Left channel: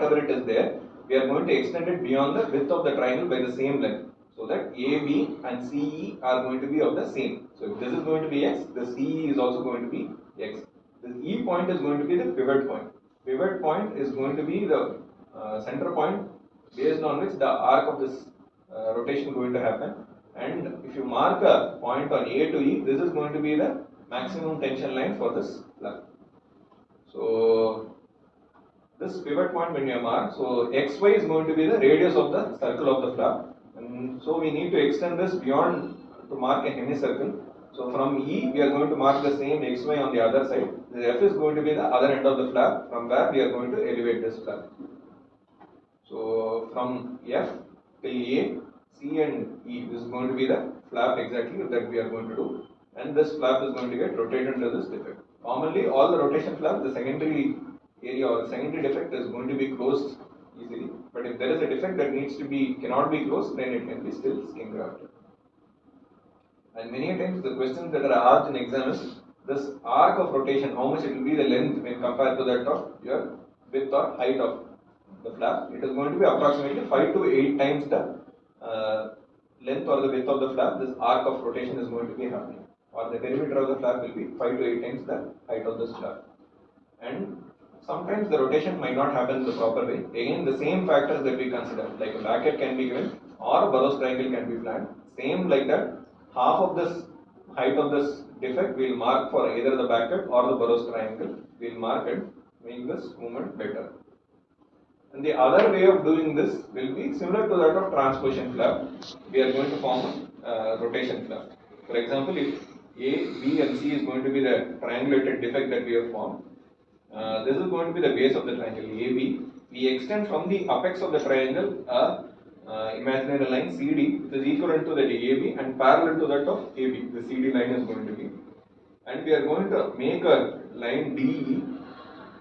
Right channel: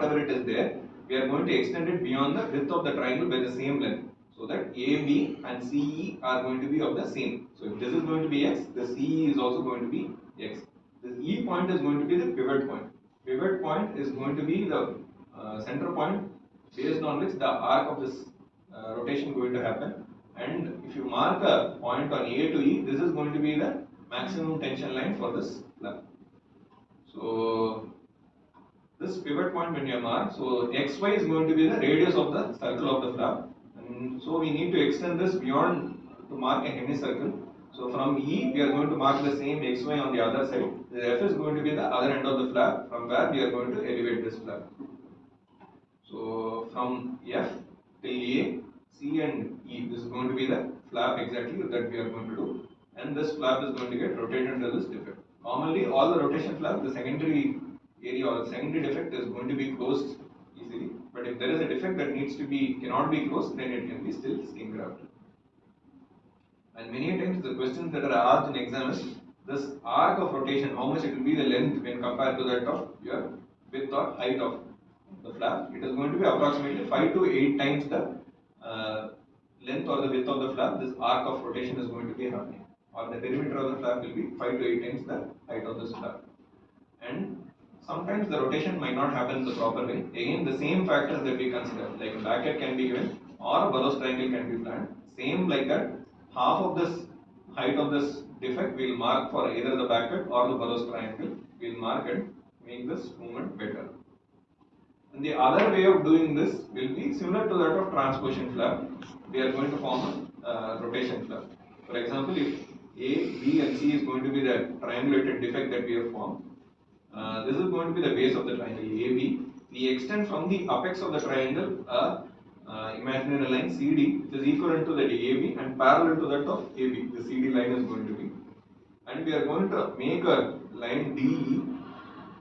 whatever it is there, we are going to extend it beyond the width of the triangle by the same length. So that AB and CE are going to be of the same. So if this is going to be X, the CE is also going to be X. This E point is going to be the pivot point. Pivot point is going to be the center point based on which the arc of this rotation is going to happen. And if you mark a point on A to E, this is going to be the maximum tension line for this flap. So this pivot point when you mark, so XY is going to be the radius of the circle of the flap, and so we need to extend this beyond to mark a hemicircle. So from E we are going to mark the same XY on the other side. The F is going to be the other end of the flap, from where we are going to elevate this flap. So from F till A, C and E, this is going to be the flap exactly that we are going to do, and this flap is going to get rotated to this defect. Commonly all the rotation flap, the secondary area or the secondary defect is going to be closed easily, but if there is a defect that cannot be closed, then it can be still skin grafted. And many times the questions that are asked in exam is this arc of rotation, how much it will be the length when compared to that of your width or height of the flap. It is going to be approximately 5 to 8 times the length or the width of the flap. This arc of rotation is going to be happening, or the perimeter of the flap will be 5 to 8 times the height of this flap. And sometimes the rotation might not happen in the proper way. Again, the same factors that we consider, like a bracket can be given or a Burroughs triangle can be planned. Same like that, half of this height of this defect we will mark for either the bracket or the Burroughs triangle. We will mark and make this movement better. And the other way of doing this will be similar to that of transposition flap. We are going to form a rotation flap. For example, if A, B and C is going to be the triangulated defect that we have formed, this is going to be the base of the triangle AB. We extend from the apex of the triangle a imaginary line CD, which is equivalent to that AB and parallel to that of AB. The CD line is going to be, and we are going to make a line DE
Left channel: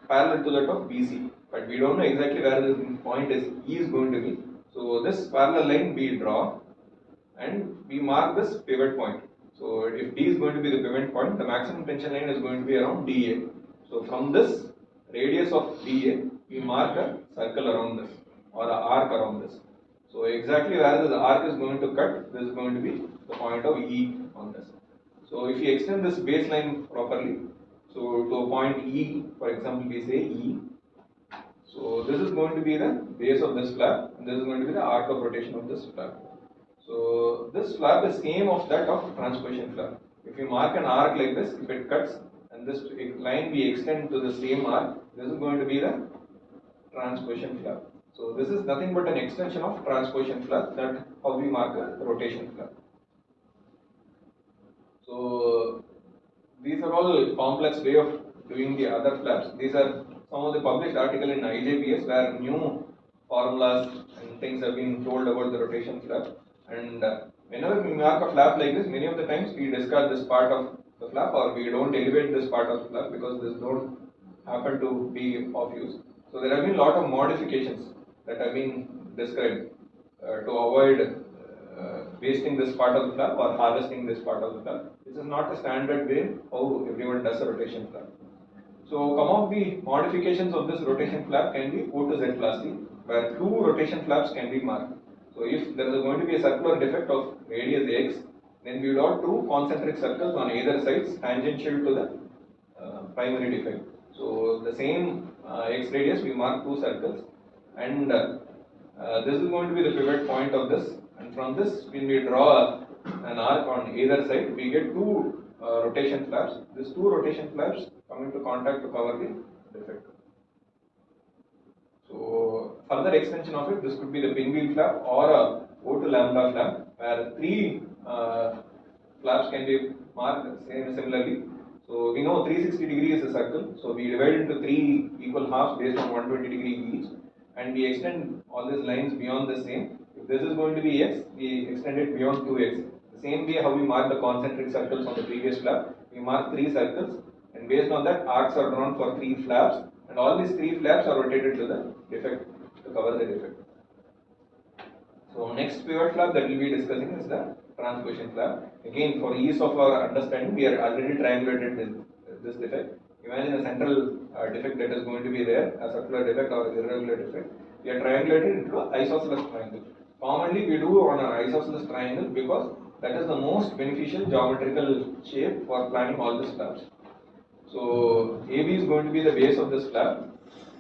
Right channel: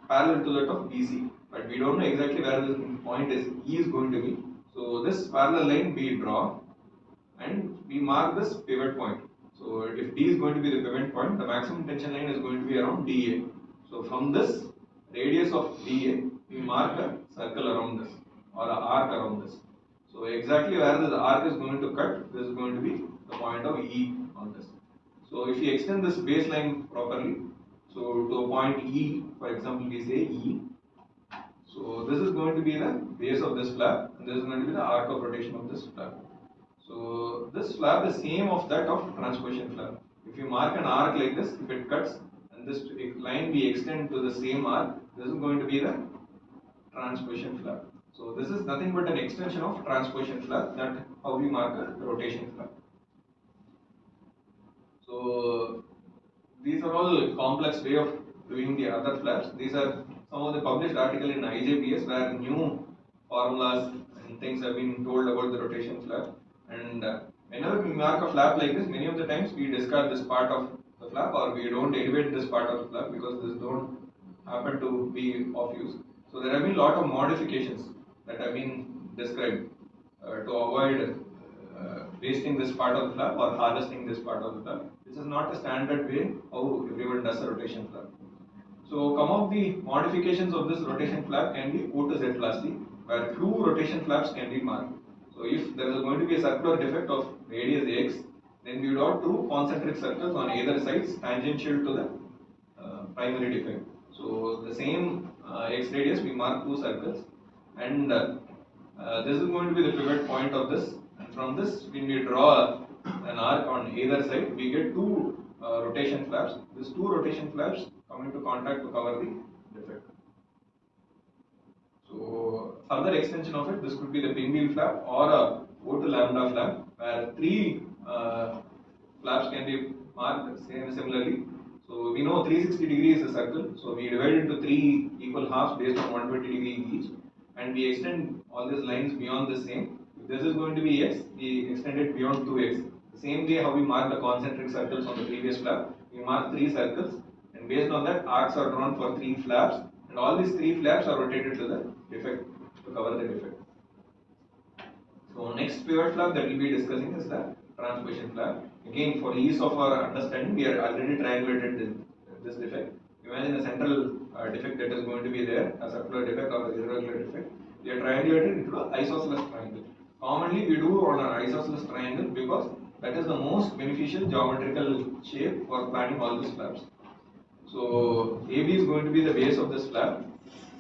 parallel to that of BC, but we don't know exactly where the point is E is going to be. So this parallel line we draw and we mark this pivot point. So if D is going to be the pivot point, the maximum tension line is going to be around DA. So from this radius of DA, we mark a circle around this or an arc around this. So exactly where the arc is going to cut, this is going to be the point of E on this. So if you extend this baseline properly, so to a point E, for example, we say E. So this is going to be the base of this flap, and this is going to be the arc of rotation of this flap. So this flap is same of that of transposition flap. If you mark an arc like this, if it cuts, and this line we extend to the same arc, this is going to be the transposition flap. So this is nothing but an extension of transposition flap, that how we mark a rotation flap. So these are all complex way of doing the other flaps. These are some of the published articles in IJPS where new formulas and things have been told about the rotation flap. And whenever we mark a flap like this, many of the times we discard this part of the flap, or we don't elevate this part of the flap because this don't happen to be of use. So there have been a lot of modifications that have been described to avoid wasting this part of the flap or harvesting this part of the flap. This is not a standard way how everyone does a rotation flap. So some of the modifications of this rotation flap can be O to Z plus C, where two rotation flaps can be marked. So if there is going to be a circular defect of radius X, then we will have two concentric circles on either sides tangential to the primary defect. So the same X radius we mark two circles, and this is going to be the pivot point of this, and from this when we draw an arc on either side, we get two rotation flaps. These two rotation flaps come into contact to cover the defect. So further extension of it, this could be the pinwheel flap or a O to lambda flap, where three flaps can be marked similarly. So we know 360 degrees is a circle, so we divide it into three equal halves based on 120 degrees each, and we extend all these lines beyond the same. If this is going to be X, we extend it beyond 2X. The same way how we mark the concentric circles on the previous flap, we mark three circles, and based on that arcs are drawn for three flaps, and all these three flaps are rotated to the defect to cover the defect. So next pivot flap that we will be discussing is the transposition flap. Again, for ease of our understanding, we are already triangulated this defect. Imagine a central defect that is going to be there, a circular defect or irregular defect, we are triangulated into an isosceles triangle. Commonly we do on an isosceles triangle because that is the most beneficial geometrical shape for planning all these slabs. So AB is going to be the base of this slab,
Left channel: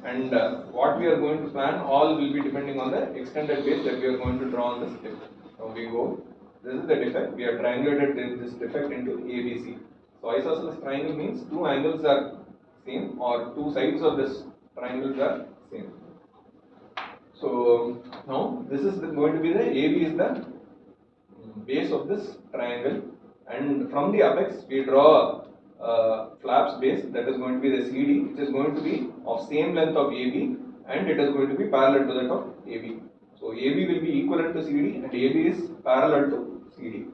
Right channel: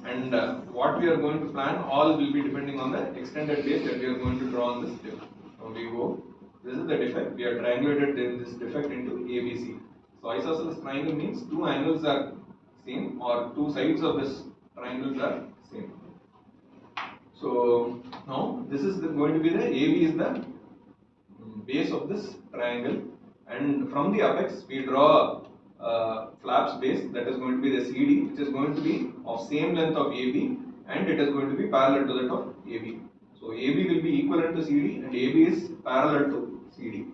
and what we are going to plan all will be depending on the extended base that we are going to draw on this tip. Now we go, this is the defect, we are triangulated this defect into ABC. So isosceles triangle means two angles are same or two sides of this triangles are same. So now this is going to be the AB is the base of this triangle, and from the apex we draw flaps base that is going to be the CD, which is going to be of same length of AB and it is going to be parallel to that of AB. So AB will be equivalent to CD and AB is parallel to CD.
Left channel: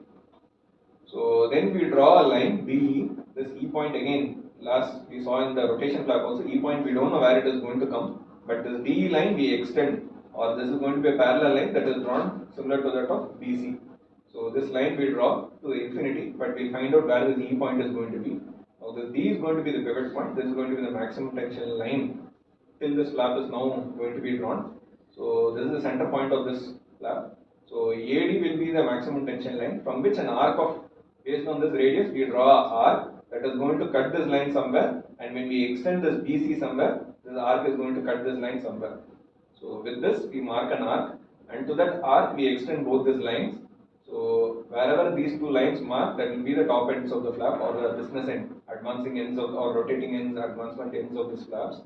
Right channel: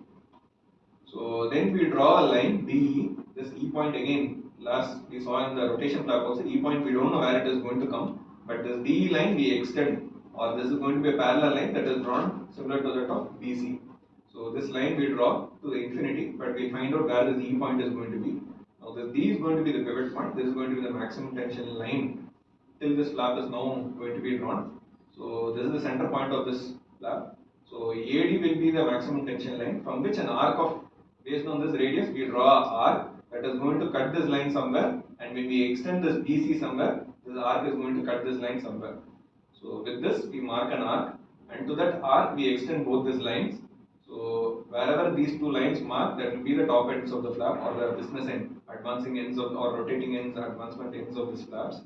So then we draw a line BE, this E point again, last we saw in the rotation flap also, E point we don't know where it is going to come, but this DE line we extend, or this is going to be a parallel line that is drawn similar to that of BC. So this line we draw to infinity, but we find out where this E point is going to be. Now this D is going to be the pivot point, this is going to be the maximum tension line till this flap is now going to be drawn. So this is the center point of this flap. So AD will be the maximum tension line from which an arc of, based on this radius, we draw an arc that is going to cut this line somewhere, and when we extend this BC somewhere, this arc is going to cut this line somewhere. So with this we mark an arc, and to that arc we extend both these lines. So wherever these two lines mark, that will be the top ends of the flap or the business end, advancing ends of, or rotating ends, advancement ends of these flaps.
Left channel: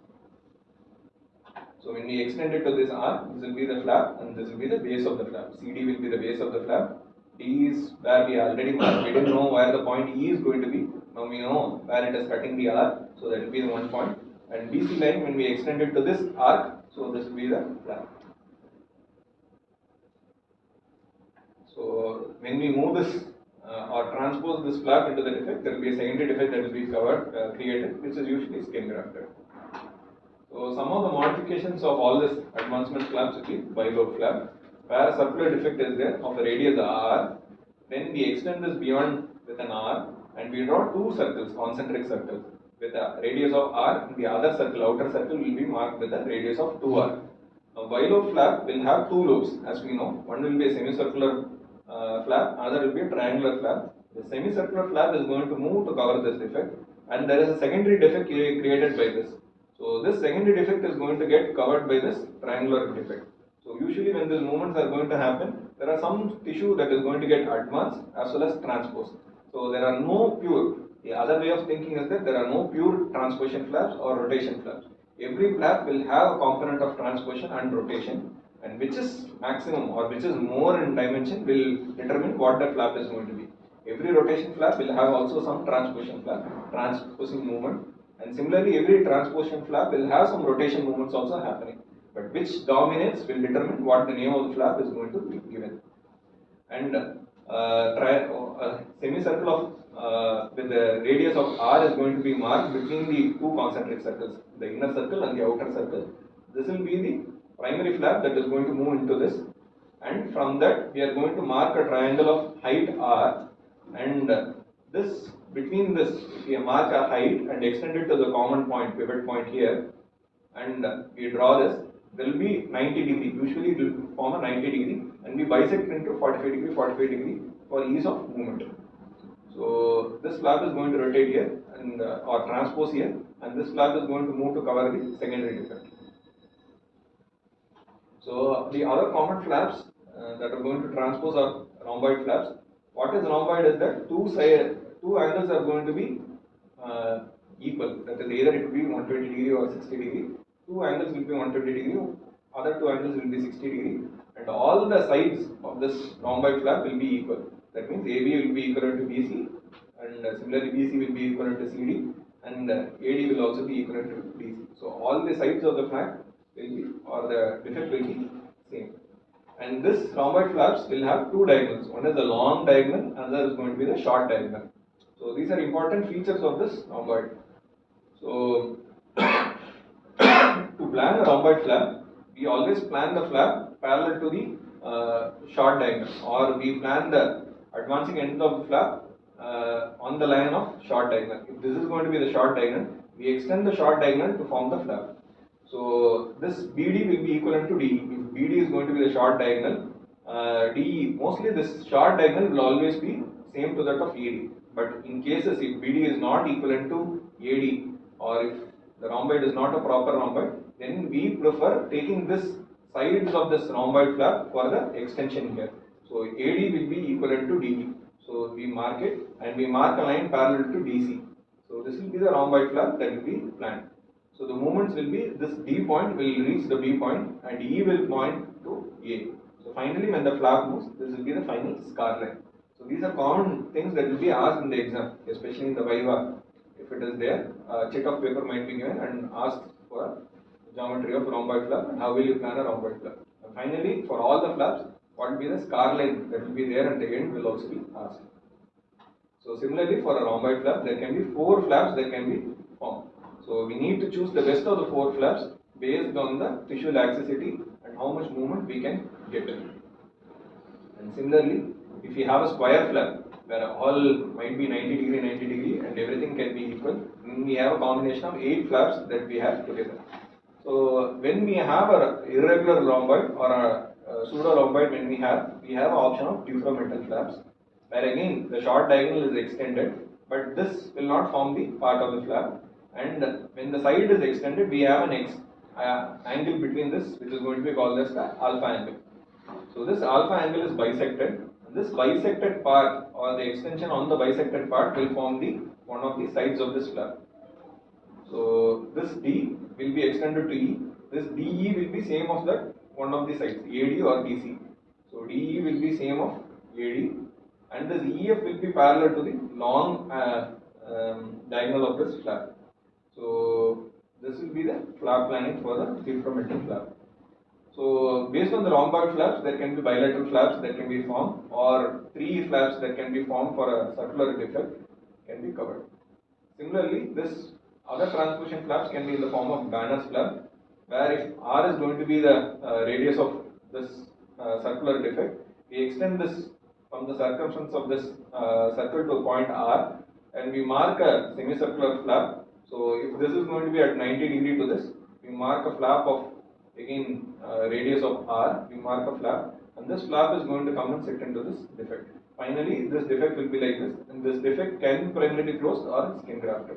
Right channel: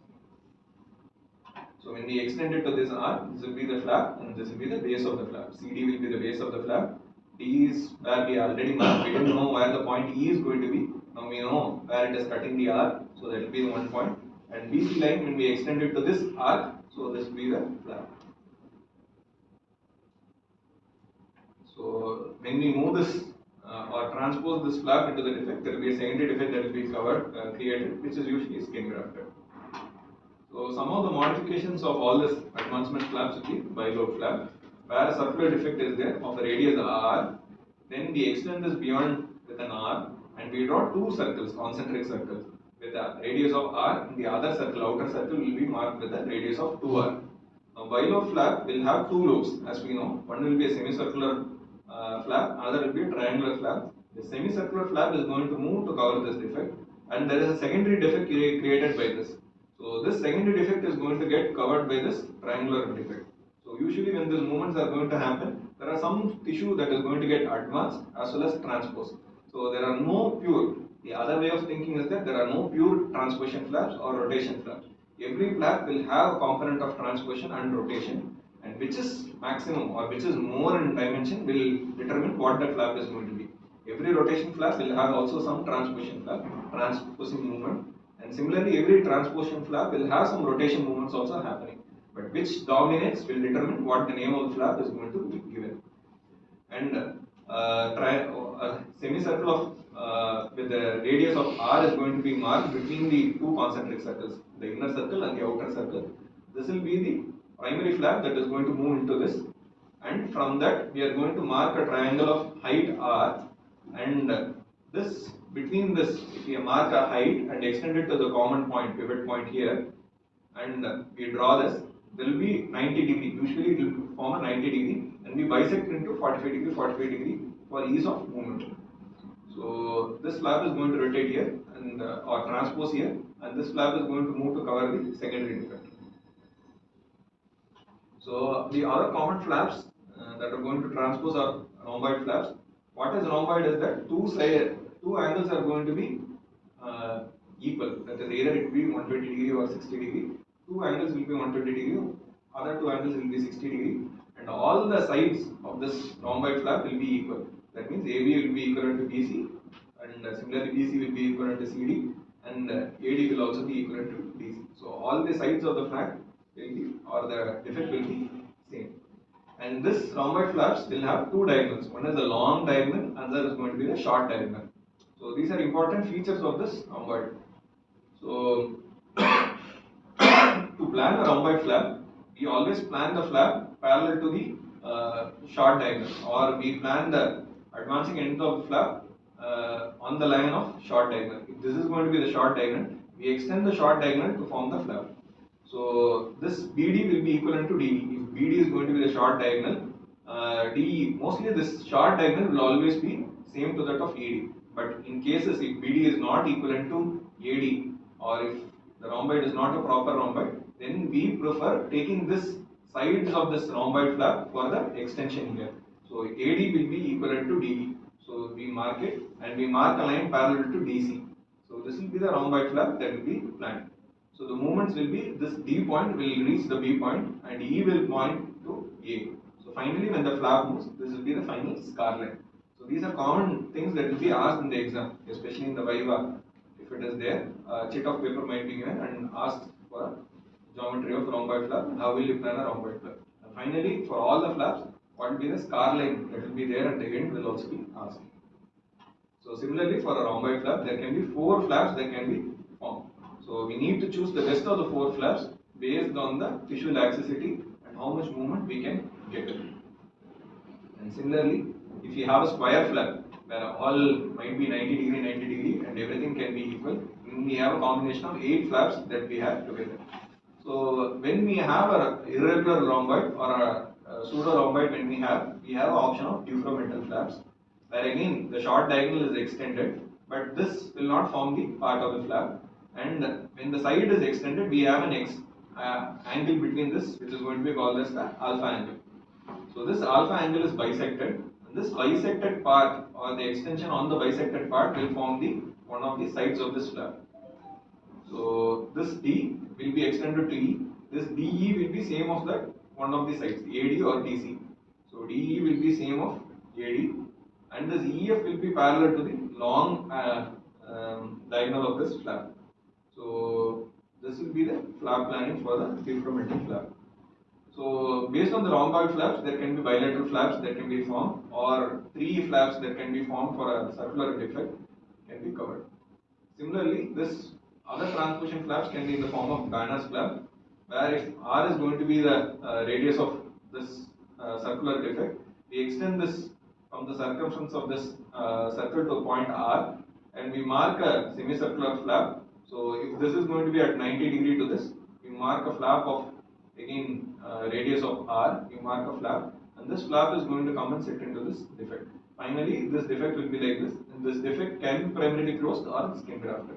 So when we extend it to this arc, this will be the flap and this will be the base of the flap. CD will be the base of the flap. D is where we already marked. We didn't know where the point E is going to be. Now we know where it is cutting the arc. So that will be the one point. And BC line, when we extend it to this arc, so this will be the flap. So when we move this or transpose this flap into the defect, there will be a secondary defect that will be covered, created, which is usually skin grafted. So some of the modifications of all this advancement flaps will be bilobe flap, where a circular defect is there of a radius r. Then we extend this beyond with an r, and we draw two circles, concentric circles, with a radius of r, and the other circle, outer circle, will be marked with a radius of 2r. Now bilobe flap will have two lobes, as we know. One will be a semicircular flap, another will be a triangular flap. The semicircular flap is going to move to cover this defect, and there is a secondary defect created by this. So this secondary defect is going to get covered by this triangular defect. So usually when these movements are going to happen, there are some tissue that is going to get advanced as well as transposed. So there are no pure. The other way of thinking is that there are no pure transposition flaps or rotation flaps. Every flap will have a component of transposition and rotation, and which is maximum or which is more in dimension will determine what that flap is going to be. Every rotation flap will have also some transposition flap, transposing movement, and similarly every transposition flap will have some rotation movements also happening. But which dominates will determine what the name of the flap is going to be given. And semicircle of with the radius of r is going to be marked between the two concentric circles, the inner circle and the outer circle. This will be the primary flap that is going to move into this, and from that we are going to mark a triangle of height r, and this between this, if we mark a height and extend it to the common point, pivot point here, and we draw this, there will be 90 degree. Usually it will form a 90 degree, and we bisect into 45 degree, 45 degree for ease of movement. So this flap is going to rotate here and or transpose here, and this flap is going to move to cover the secondary defect. So the other common flaps that are going to transpose are rhomboid flaps. What is rhomboid is that two angles are going to be equal. That is, either it will be 120 degree or 60 degree. Two angles will be 120 degree, other two angles will be 60 degree, and all the sides of this rhomboid flap will be equal. That means AB will be equivalent to BC, and similarly BC will be equivalent to CD, and AD will also be equivalent to DC. So all the sides of the flap will be, or the defect will be same. And this rhomboid flaps will have two diagonals. One is the long diagonal, another is going to be the short diagonal. So these are important features of this rhomboid. So to plan a rhomboid flap, we always plan the flap parallel to the short diagonal, or we plan the advancing end of the flap on the line of short diagonal. If this is going to be the short diagonal, we extend the short diagonal to form the flap. So this BD will be equivalent to DE. If BD is going to be the short diagonal, DE, mostly this short diagonal will always be same to that of AD. But in cases if BD is not equivalent to AD, or if the rhomboid is not a proper rhomboid, then we prefer taking this sides of this rhomboid flap for the extension here. So AD will be equivalent to DE. So we mark it and we mark a line parallel to DC. So this will be the rhomboid flap that will be planned. So the movements will be this D point will reach the B point and E will point to A. So finally when the flap moves, this will be the final scar line. So these are common things that will be asked in the exam, especially in the Viva. If it is there, a chit of paper might be given and asked for a geometry of rhomboid flap and how will you plan a rhomboid flap. And finally, for all the flaps, what will be the scar line that will be there at the end will also be asked. So similarly, for a rhomboid flap, there can be 4 flaps that can be formed. So we need to choose the best of the 4 flaps based on the tissue laxity and how much movement we can get. And similarly, if you have a square flap where all might be 90 degree, 90 degree and everything can be equal, then we have a combination of 8 flaps that we have together. So when we have a irregular rhomboid or a pseudo rhomboid, when we have an option of difframental flaps, where again the short diagonal is extended, but this will not form the part of the flap. And when the side is extended, we have an angle between this, which is going to be called as the alpha angle. So this alpha angle is bisected, and this bisected part or the extension on the bisected part will form the one of the sides of this flap. So this D will be extended to E. This DE will be same of that one of the sides, AD or DC. So DE will be same of AD, and this EF will be parallel to the long diagonal of this flap. So this will be the flap planning for the difframental flap. So based on the rhomboid flaps, there can be bilateral flaps that can be formed, or 3 flaps that can be formed for a circular defect can be covered. Similarly, this other transposition flaps can be in the form of Banner's flap, where if R is going to be the radius of this circular defect, we extend this from the circumference of this circle to a point R, and we mark a semicircular flap. So if this is going to be at 90 degree to this, we mark a flap of again radius of R, we mark a flap, and this flap is going to come and sit into this defect. Finally, this defect will be like this, and this defect can be primarily closed or skin grafted.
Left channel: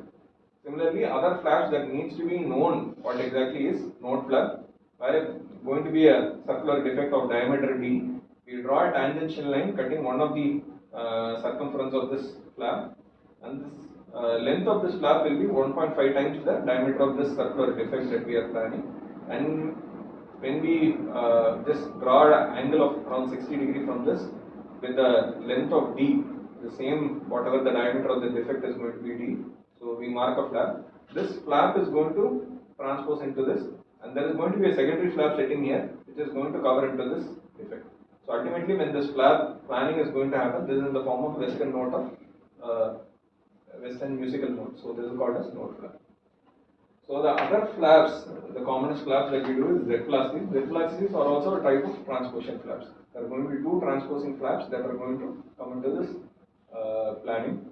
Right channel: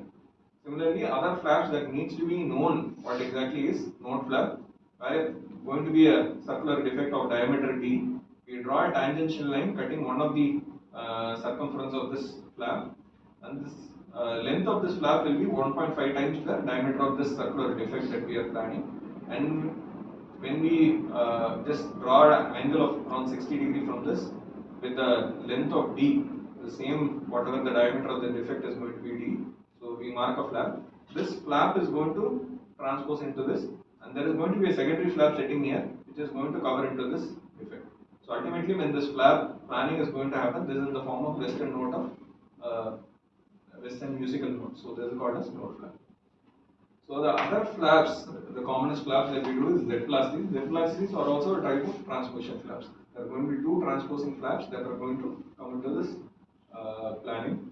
Similarly, other flaps that needs to be known what exactly is node flap, where going to be a circular defect of diameter D, we draw a tangential line cutting one of the circumference of this flap, and this length of this flap will be 1.5 times the diameter of this circular defect that we are planning. And when we just draw an angle of around 60 degree from this with the length of D, the same whatever the diameter of the defect is going to be D, so we mark a flap. This flap is going to transpose into this, and there is going to be a secondary flap sitting here which is going to cover into this defect. So ultimately when this flap planning is going to happen, this is in the form of western note of western musical note. So this is called as note flap. So the other flaps, the commonest flaps that we do is Z-plastics. Z-plastics are also a type of transposition flaps. There are going to be 2 transposing flaps that are going to come into this planning.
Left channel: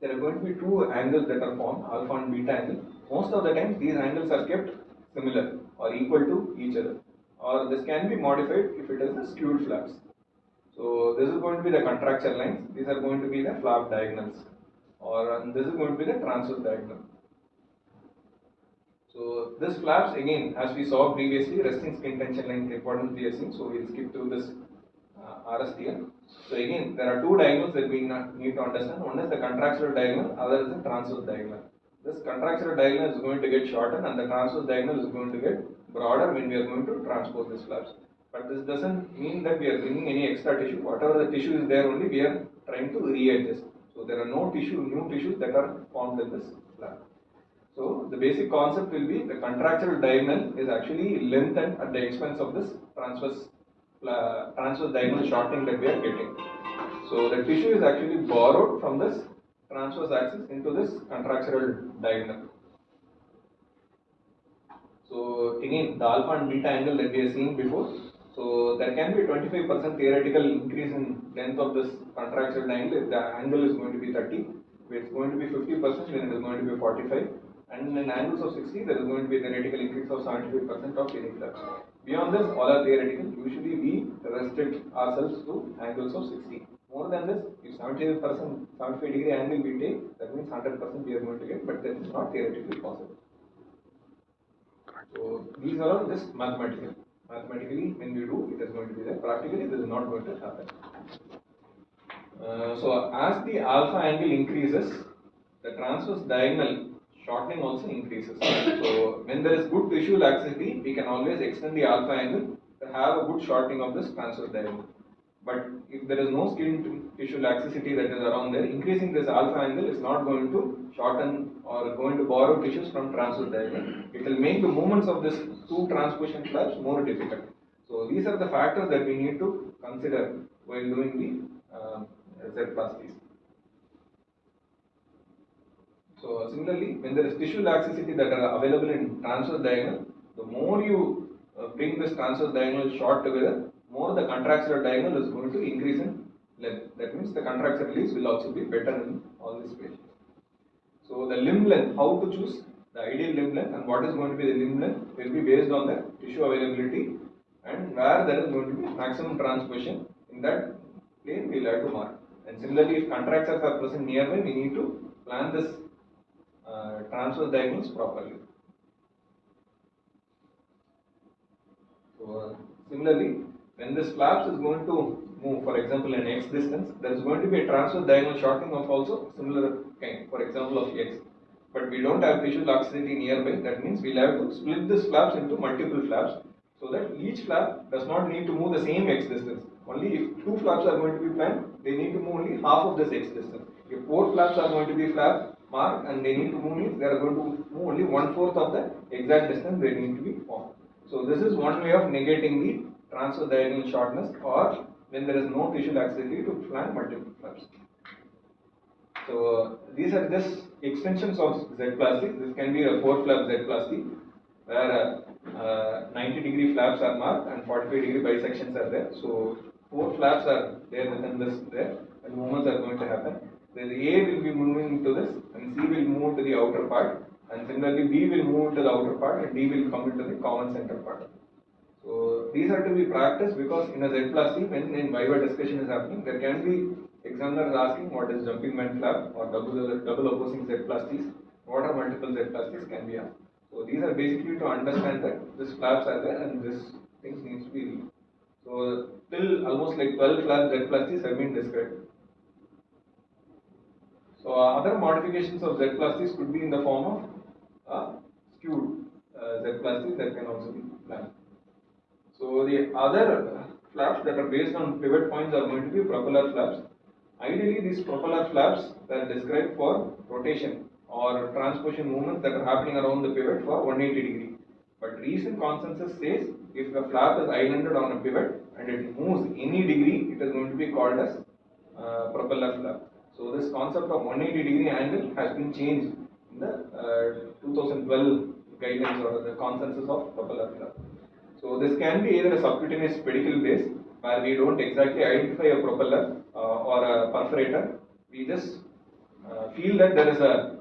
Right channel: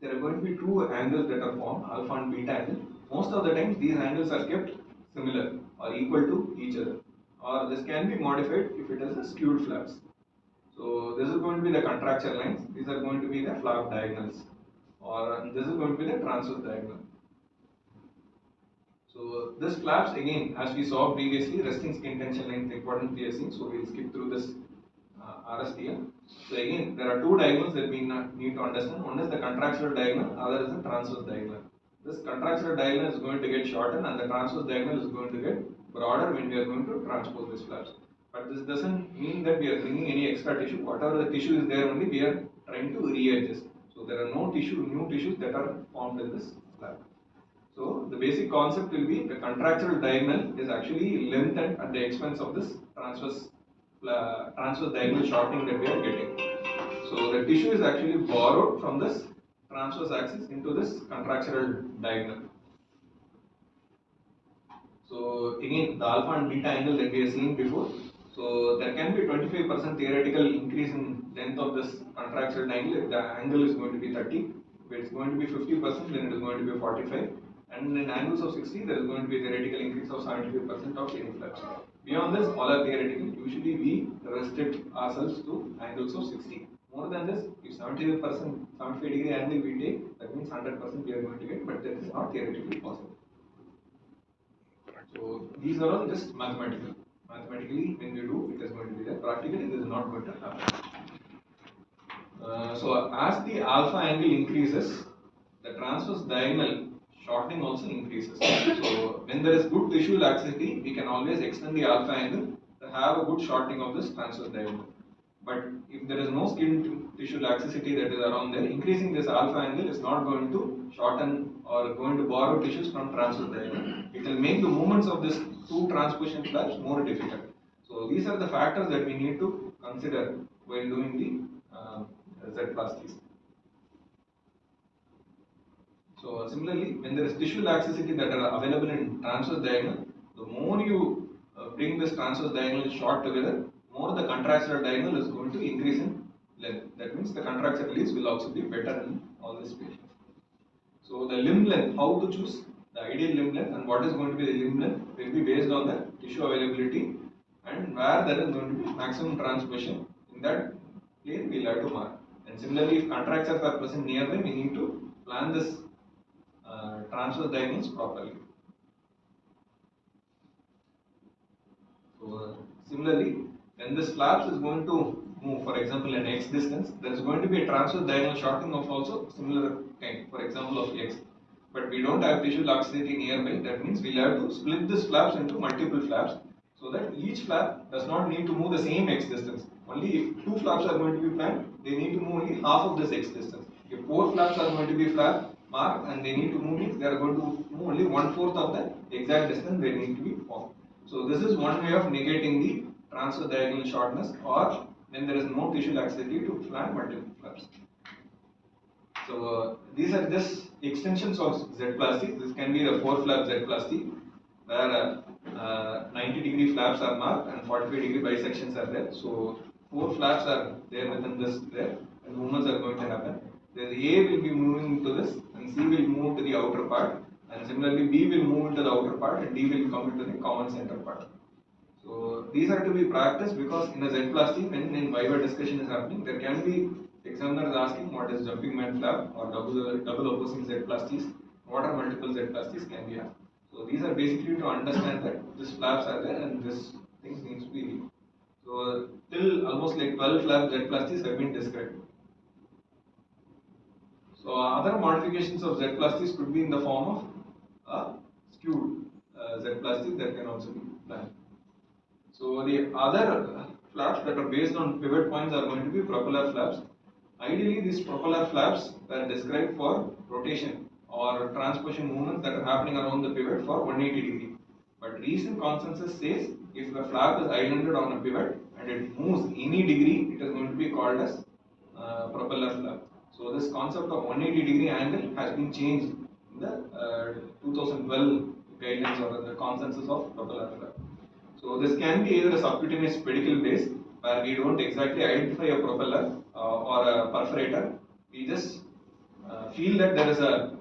There are going to be 2 angles that are formed, alpha and beta angle. Most of the times these angles are kept similar or equal to each other. Or this can be modified if it is a skewed flaps. So this is going to be the contracture lines. These are going to be the flap diagonals. Or this is going to be the transverse diagonal. So this flaps again, as we saw previously, resting skin tension length importance we have seen. So we'll skip through this RSTL. So again, there are 2 diagonals that we need to understand. One is the contractural diagonal, other is the transverse diagonal. This contractural diagonal is going to get shortened, and the transverse diagonal is going to get broader when we are going to transpose these flaps. But this doesn't mean that we are bringing any extra tissue. Whatever the tissue is there, only we are trying to readjust. So there are no new tissues that are formed in this flap. So the basic concept will be the contractural diagonal is actually lengthened at the expense of this transverse diagonal shortening that we are getting. So the tissue is actually borrowed from this transverse axis into this contractural diagonal. So again, the alpha and beta angle that we have seen before. So there can be 25% theoretical increase in length of this contractural angle if the angle is going to be 30. If it's going to be 50%, then it is going to be 45. And in angles of 60, there is going to be a theoretical increase of 75% of any flaps. Beyond this, all are theoretical. Usually, we restrict ourselves to angles of 60. More than this, if 75%, 75 degree angle we take, that means 100% we are going to get, but that is not theoretically possible. So these are all just mathematical. Mathematically, when we do, it is going to be there. Practically, this is not going to happen. So as the alpha angle increases, the transverse diagonal shortening also increases. So when there is good tissue laxity, we can always extend the alpha angle to have a good shortening of this transverse diagonal. But if there is no skin tissue laxity that is around there, increasing this alpha angle is not going to shorten or going to borrow tissues from transverse diagonal. It will make the movements of these two transposition flaps more difficult. So these are the factors that we need to consider while doing the Z-plasties. So similarly, when there is tissue laxity that are available in transverse diagonal, the more you bring this transverse diagonal short together, more the contraxular diagonal is going to increase in length. That means the contraxular release will also be better in all these patients. So the limb length, how to choose the ideal limb length and what is going to be the limb length will be based on the tissue availability and where there is going to be maximum transposition. In that plane we will have to mark. And similarly, if contractures are present nearby, we need to plan this transverse diagonals properly. So similarly, when this flaps is going to move, for example, in x distance, there is going to be a transverse diagonal shortening of also similar kind, for example of x. But we don't have tissue laxity nearby. That means we'll have to split this flaps into multiple flaps, so that each flap does not need to move the same x distance. Only if two flaps are going to be planned, they need to move only half of this x distance. If four flaps are going to be marked and they need to move, means they are going to move only 1/4 of the exact distance they need to be formed. So this is one way of negating the transverse diagonal shortness, or when there is no tissue laxity to plan multiple flaps. So these are just extensions of Z-plasty. This can be a 4-flap Z-plasty where 90-degree flaps are marked and 45-degree bisections are there. So 4 flaps are there within this there, and movements are going to happen. Then A will be moving to this, and C will move to the outer part, and similarly B will move into the outer part, and D will come into the common center part. So these are to be practiced, because in a Z-plasty, when in Viva discussion is happening, there can be examiners asking what is jumping man flap or double opposing Z-plasties, what are multiple Z-plasties can be asked. So these are basically to understand that these flaps are there and this things needs to be read. So till almost like 12 flap Z-plasties have been described. So other modifications of Z-plasties could be in the form of a skewed Z-plasty that can also be planned. So the other flaps that are based on pivot points are going to be propeller flaps. Ideally, these propeller flaps are described for rotation or transposition movements that are happening around the pivot for 180 degree. But recent consensus says if the flap is islanded on a pivot and it moves any degree, it is going to be called as propeller flap. So this concept of 180 degree angle has been changed in the 2012 guidelines or the consensus of propeller flap. So this can be either a subcutaneous pedicle base, where we don't exactly identify a propeller or a perforator. We just feel that there is a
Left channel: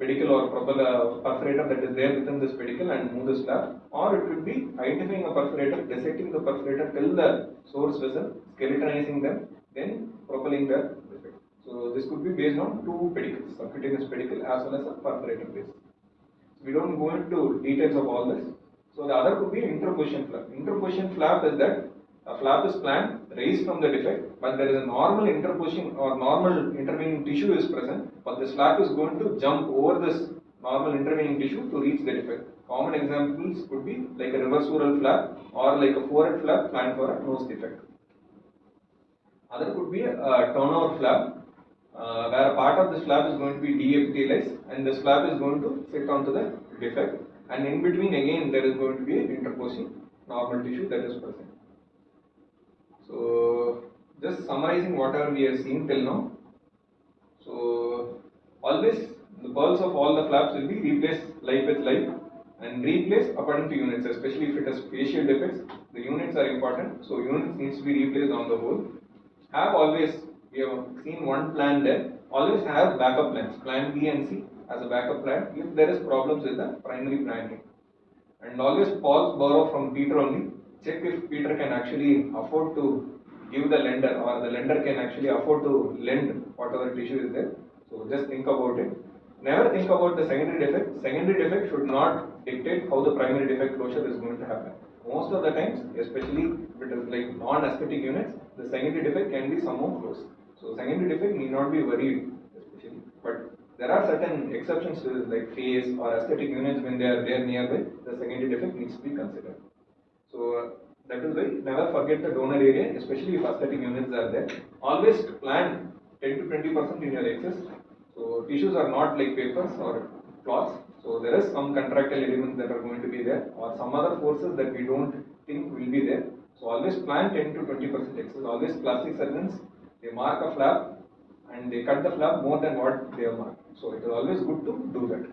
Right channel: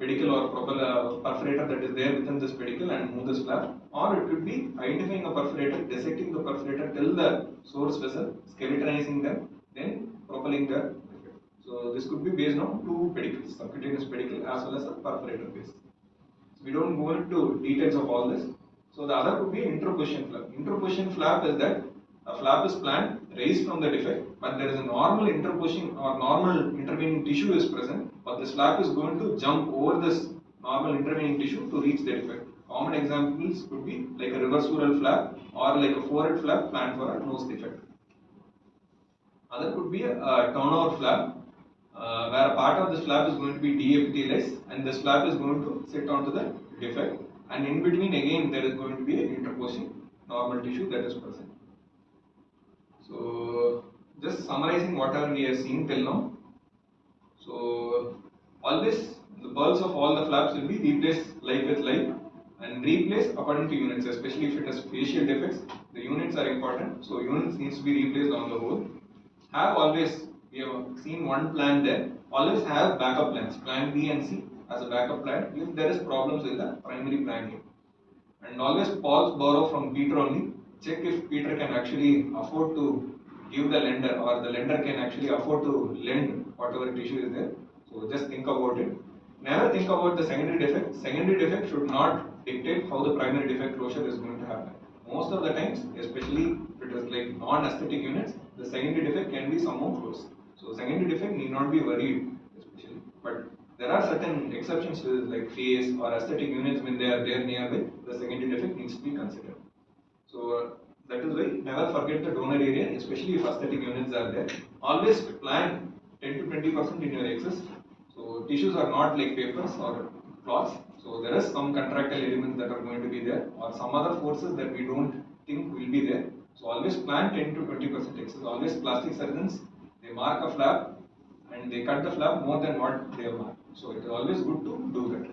pedicle or propeller perforator that is there within this pedicle and move this flap, or it could be identifying a perforator, dissecting the perforator till the source vessel, skeletonizing them, then propelling the defect. So this could be based on two pedicles, subcutaneous pedicle as well as a perforator base. So we don't go into details of all this. So the other could be interposition flap. Interposition flap is that a flap is planned raised from the defect, but there is a normal interposition or normal intervening tissue is present, but this flap is going to jump over this normal intervening tissue to reach the defect. Common examples could be like a reversoral flap or like a forehead flap planned for a nose defect. Other could be a turnover flap, where a part of this flap is going to be deepithelialized and this flap is going to sit onto the defect, and in between again there is going to be an interposing normal tissue that is present. So just summarizing whatever we have seen till now. So always the pearls of all the flaps will be replaced life with life and replaced according to units, especially if it has facial defects. The units are important, so units needs to be replaced on the whole. Have always, we have seen one plan there, always have backup plans, plan B and C as a backup plan if there is problems with the primary plan here. And always pause, borrow from Peter only. Check if Peter can actually afford to give the lender, or the lender can actually afford to lend whatever tissue is there. So just think about it. Never think about the secondary defect. Secondary defect should not dictate how the primary defect closure is going to happen. Most of the times, especially if it is like non-aesthetic units, the secondary defect can be somehow close. So secondary defect need not be worried, especially. But there are certain exceptions to this, like face or aesthetic units. When they are there nearby, the secondary defect needs to be considered. So that is why never forget the donor area, especially if aesthetic units are there. Always plan 10 to 20% in your excess. So tissues are not like papers or cloths. So there is some contractile elements that are going to be there, or some other forces that we don't think will be there. So always plan 10 to 20% excess. Always plastic surgeons, they mark a flap and they cut the flap more than what they have marked. So it is always good to do that.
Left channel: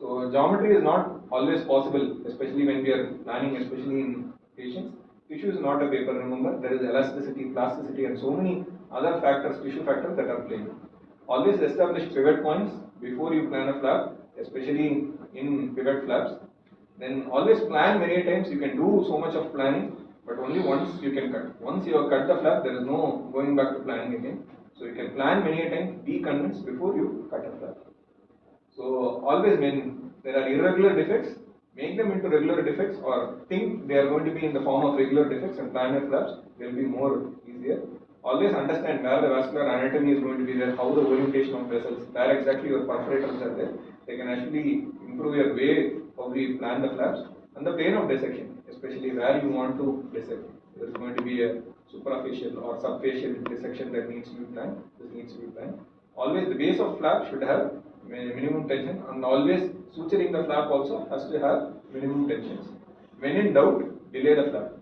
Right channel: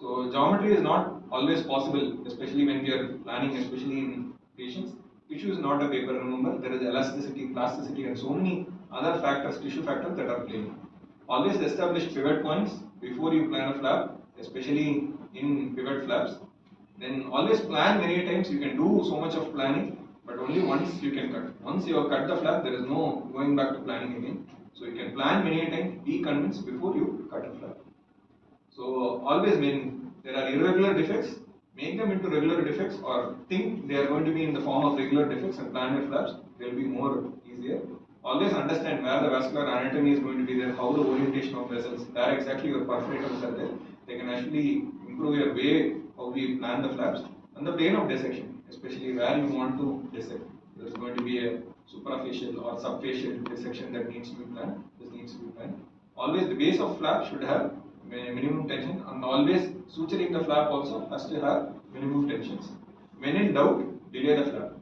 So geometry is not always possible, especially when we are planning, especially in patients. Tissue is not a paper, remember, there is elasticity, plasticity, and so many other factors, tissue factors that are playing. Always establish pivot points before you plan a flap, especially in pivot flaps. Then always plan many times. You can do so much of planning, but only once you can cut. Once you have cut the flap, there is no going back to planning again. So you can plan many times, be convinced before you cut a flap. So always when there are irregular defects, make them into regular defects, or think they are going to be in the form of regular defects and plan your flaps. They will be more easier. Always understand where the vascular anatomy is going to be there, how the orientation of vessels, where exactly your perforators are there. They can actually improve your way how we plan the flaps, and the plane of dissection, especially where you want to dissect. There is going to be a suprafacial or subfacial dissection that needs to be planned. This needs to be planned. Always the base of flap should have minimum tension, and always suturing the flap also has to have minimum tensions. When in doubt, delay the flap.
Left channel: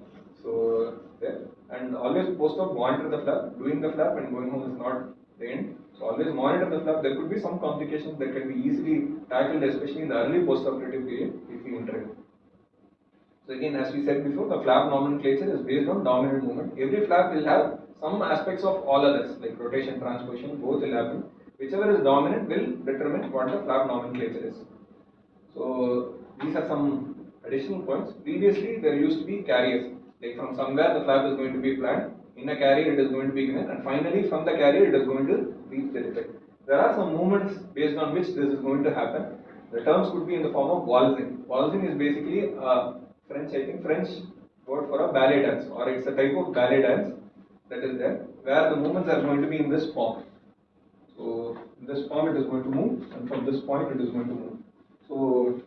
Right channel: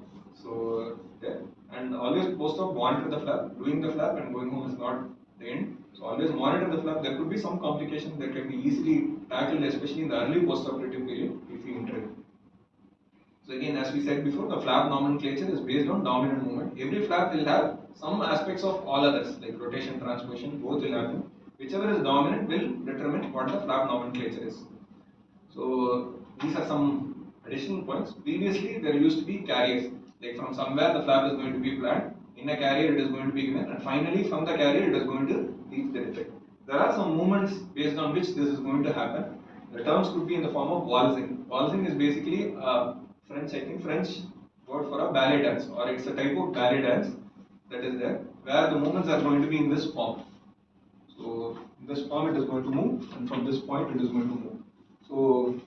So there, and always post-op monitor the flap. Doing the flap and going home is not the end. So always monitor the flap. There could be some complications that can be easily tackled, especially in the early post-operative period if we intervene. So again, as we said before, the flap nomenclature is based on dominant movement. Every flap will have some aspects of all others, like rotation, transposition, both will happen. Whichever is dominant will determine what the flap nomenclature is. So these are some additional points. Previously, there used to be carriers. Like from somewhere the flap is going to be planned, in a carrier it is going to be given, and finally from the carrier it is going to reach the defect. There are some movements based on which this is going to happen. The terms could be in the form of waltzing. Waltzing is basically French word for a ballet dance, or it's a type of ballet dance that is there, where the movements are going to be in this form. So in this form it is going to move, and from this point it is going to move. So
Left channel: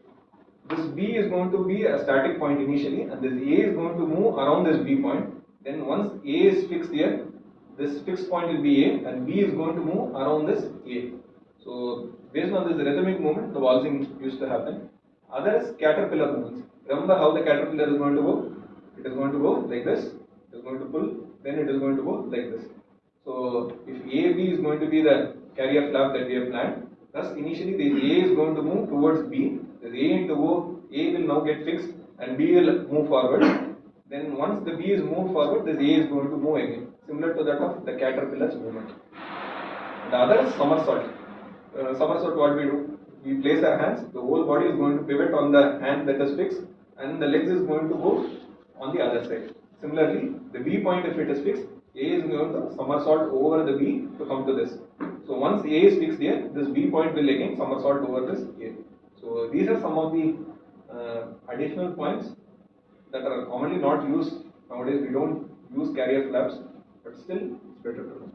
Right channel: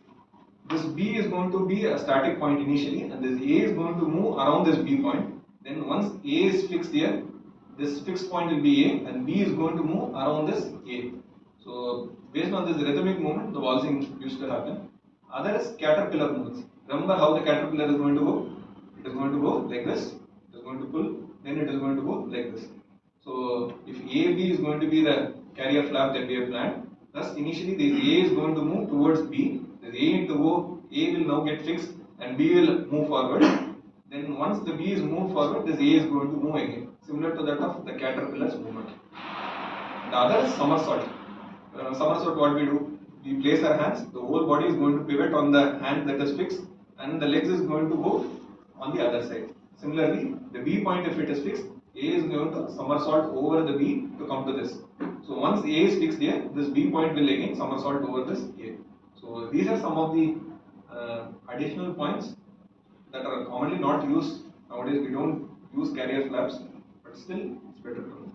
this B is going to be a static point initially, and this A is going to move around this B point. Then once A is fixed here, this fixed point will be A, and B is going to move around this A. So based on this rhythmic movement, the waltzing used to happen. Other is caterpillar movements. Remember how the caterpillar is going to go? It is going to go like this. It is going to pull. Then it is going to go like this. So if AB is going to be the carrier flap that we have planned, thus initially this A is going to move towards B. This A into O, A will now get fixed and B will move forward. Then once the B is moved forward, this A is going to move again, similar to that of the caterpillar's movement. The other is somersault. Somersault, what we do? We place our hands, the whole body is going to pivot on the hand that is fixed, and the legs is going to go on the other side. Similarly, the B point, if it is fixed, A is going to somersault over the B to come to this. So once A is fixed here, this B point will again somersault over this A. So these are some of the additional points that are commonly not used nowadays. We don't use carrier flaps, but still it's better to know.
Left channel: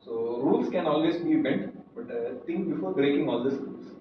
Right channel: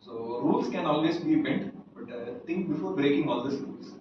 So rules can always be bent, but think before breaking all these rules.